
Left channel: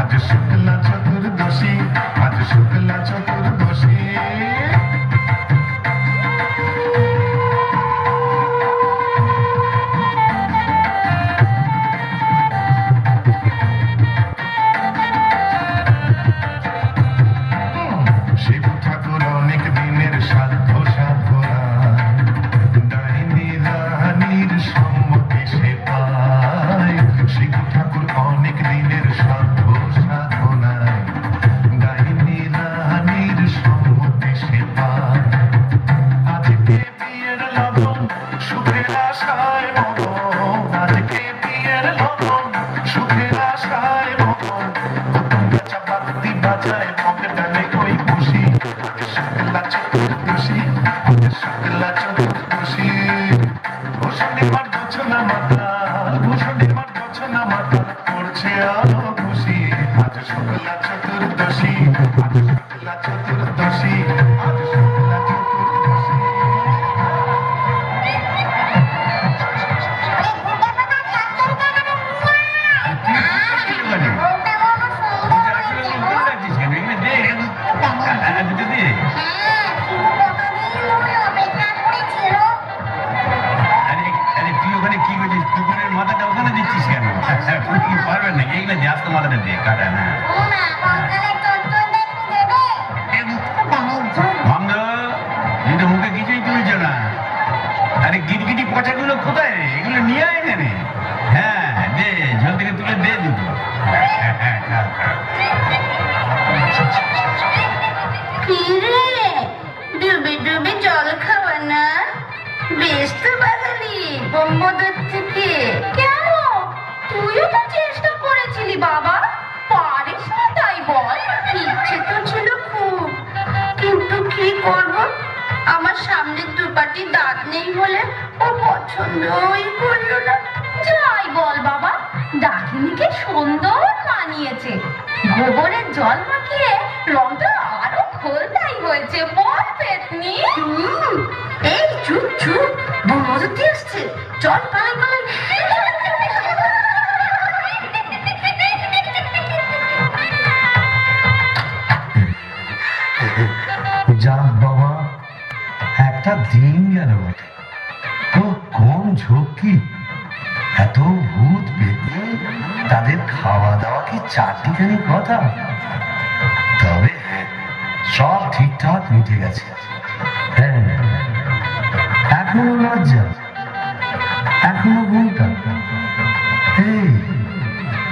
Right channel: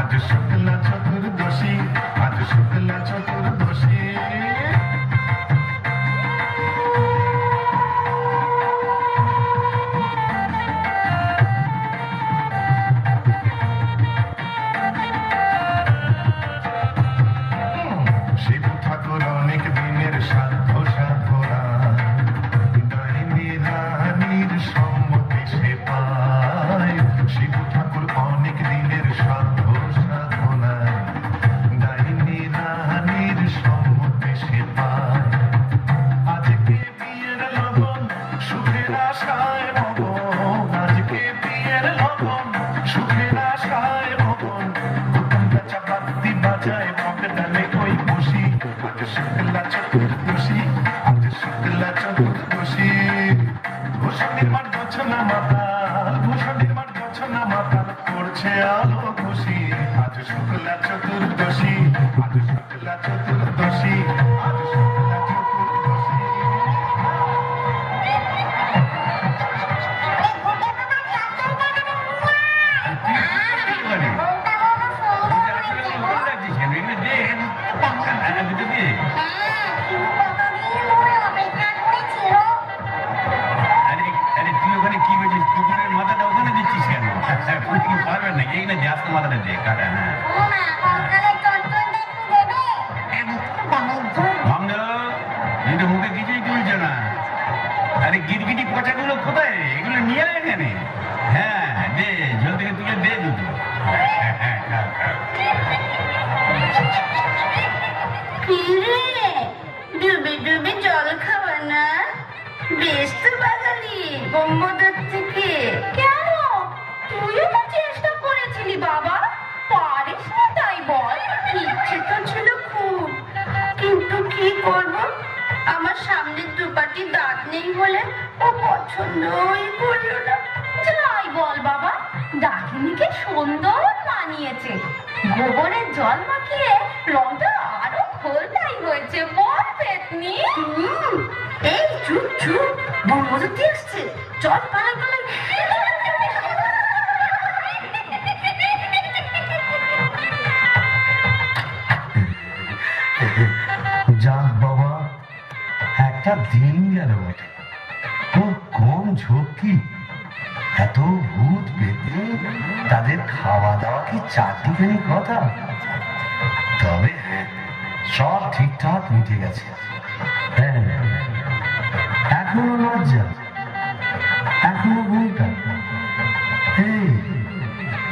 আজ শুক্লা চতুর্দশী, আজ শুক্লা চতুর্দশী। শিব ঠাকুর অনেক দিনের সাধ্য সাধনা, ডাইনি রানীর সম্মতি সে পায়। শিব ঠাকুর অনেক দিনের সাধ্য সাধনায়, ডাইনি রানীর সম্মতি সে পায়। আজকে বিয়ের লগন, সুখের আশায় মগন, আজকে বিয়ের লগন, সুখের আশায় মগন। গাছা বাদ্যি বাজায় মগডালে কই খুশি। আজ শুক্লা চতুর্দশী, আজ শুক্লা চতুর্দশী। ভূষণ্ডির মাঠ জ্বলছে না মাতাল, ভূষণ্ডির মাঠ জ্বলছে না মাতাল, পড়ছে আলো খুশি। আজ শুক্লা চতুর্দশী, আজ শুক্লা চতুর্দশী, আজ শুক্লা চতুর্দশী। মাথাটা ওখানে দিচ্ছিস কেন? পারবেন নাকি এগুলো দিয়ে আসতে মাথাটা দিয়ে কাটা? হ্যাঁ মুখে কিছুই তুলছ না। আরে গিটগিটি পচাগুলো কোথায় রে? এগুলো নিয়ে নে নে, হ্যাঁ দে, ঝোল থেকে তুলে দে দুটো। কি রে, ডুবে ডুবে জল খাওয়া না? বেশ তো বাঙালি বোম্বদার থেকে। কেন, তুইও তো চেষ্টা করেছিলি বাবা, পারিস না তাই বল? ইচ্ছে তো ছিল খুব, কিন্তু কি করব, আমার সামনে দুপাটি দাঁত নেই বলে ও পছন্দই করলো না। যাই বল বাবা, ডাকিনিকে সুন্দর মানিয়েছে। গোবরের জল মাখিয়ে রংটা আরো খোলটাই হয়েছে, বল পেতনি? এই চুপ চুপ, বৌমতি আসছে, চল পালাই পালাই। যাক বাবা, একটা দিন গেল বটে। খুব কম ঝক্কি, এত ভূত পেতে তাদের খাওয়া দাওয়া কি চারটিখানি কথা? তবে হ্যাঁ, সব ঠিকঠাক মিটে গেছে। হ্যাঁ, এখনো লজ্জা, এখনো ঘুমটা। এই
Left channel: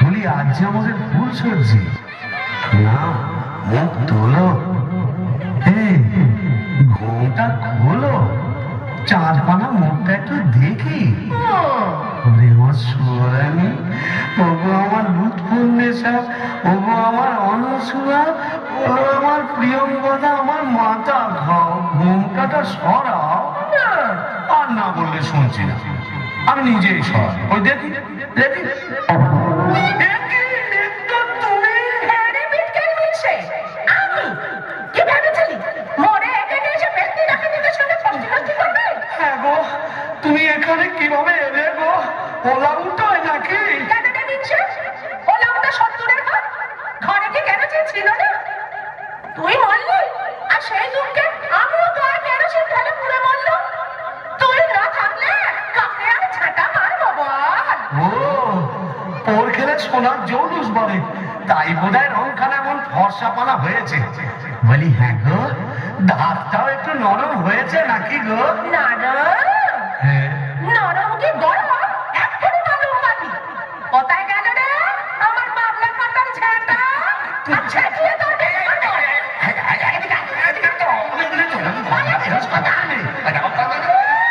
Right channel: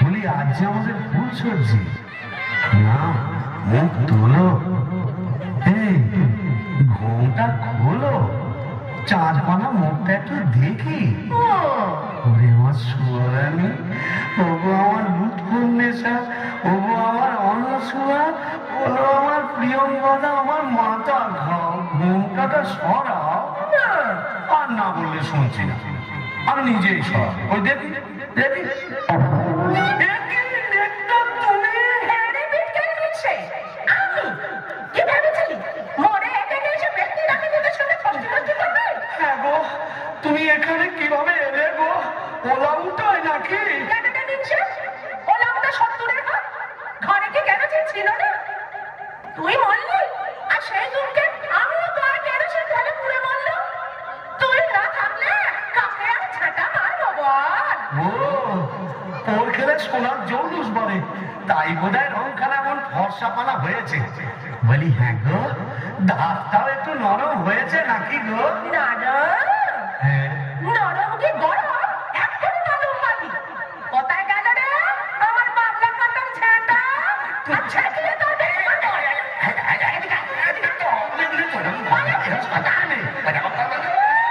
বলি, আজ যে আমাদের ফুল সবজি না, মুখ তোলো, এই ঘুমটা খোলো, চাঁদ পানা মুখটা একটু দেখি। ওরে আমার সোয়ানি, ওগো আমার লুৎফুন্নেসা, ওগো আমার অনসুয়া, ওগো আমার প্রিয়ঙ্গদা, আমার মাথা খাও, ঘুমটাটা সরাও। আর না বললে শুনছি না, আমি নিজেই সর। ওই দেখি দেখি, তুমি এখানে কিভাবে এলে গো? ওলা উঠায় নাকি? ঘরে কি কেন ছিল না? তুই মরলি, আর সেই দুঃখে আমিও তো আর কেরোসিন ঢেলে পুড়ে মরলো। তুই না থাকলে কাকে আর ঝাঁটা মারবো বল? ও, ওর খেলে সোনার জৌলুস বলে, তাই বোধহয় রংখানা এমন ফর্সা পানা হয়েছে। বলি হ্যাঁ গো, ধারটাও একটু নরম হয়েছে নাকি গো? নরম? হ্যাঁ। নরম কি গরম? এক্ষুনি মালুম পাবি। কোথায় গেল রে আমার বাবলা কাটার ঝাঁটা? ঝাঁটিয়ে তো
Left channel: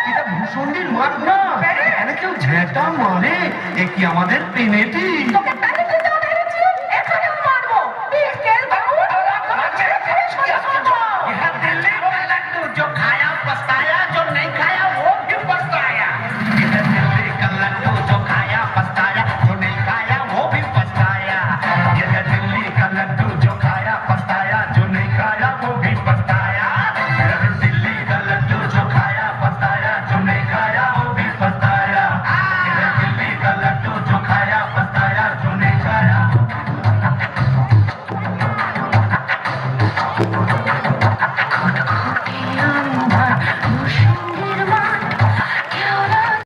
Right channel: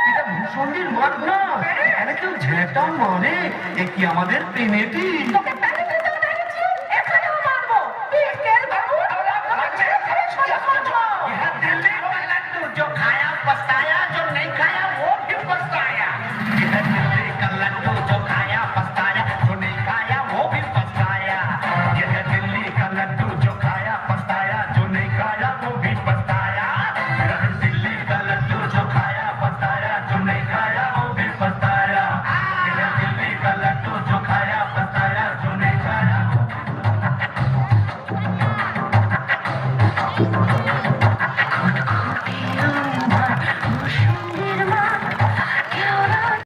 এটা ভূষণীর মাঠ না, এখানে কেউ ঝেঁটা মারে, এ কি আমাদের পেনেটি? তোকে তালে দিতে পেরেছি, এখানেও মারবো। একের বাবু जो खाया पछताया, जो नहीं खाया वो भी पछताया। का लड्डू जो खाया पछताया, जो नहीं खाया वो भी पछताया। यह दिल्ली का लड्डू जो खाया पछताया, जो नहीं खाया वो भी पछताया। यह दिल्ली का लड्डू जो खाया पछताया, जो नहीं खाया वो भी पछताया। यह दिल्ली का लड्डू जो खाया पछताया, जो नहीं खाया।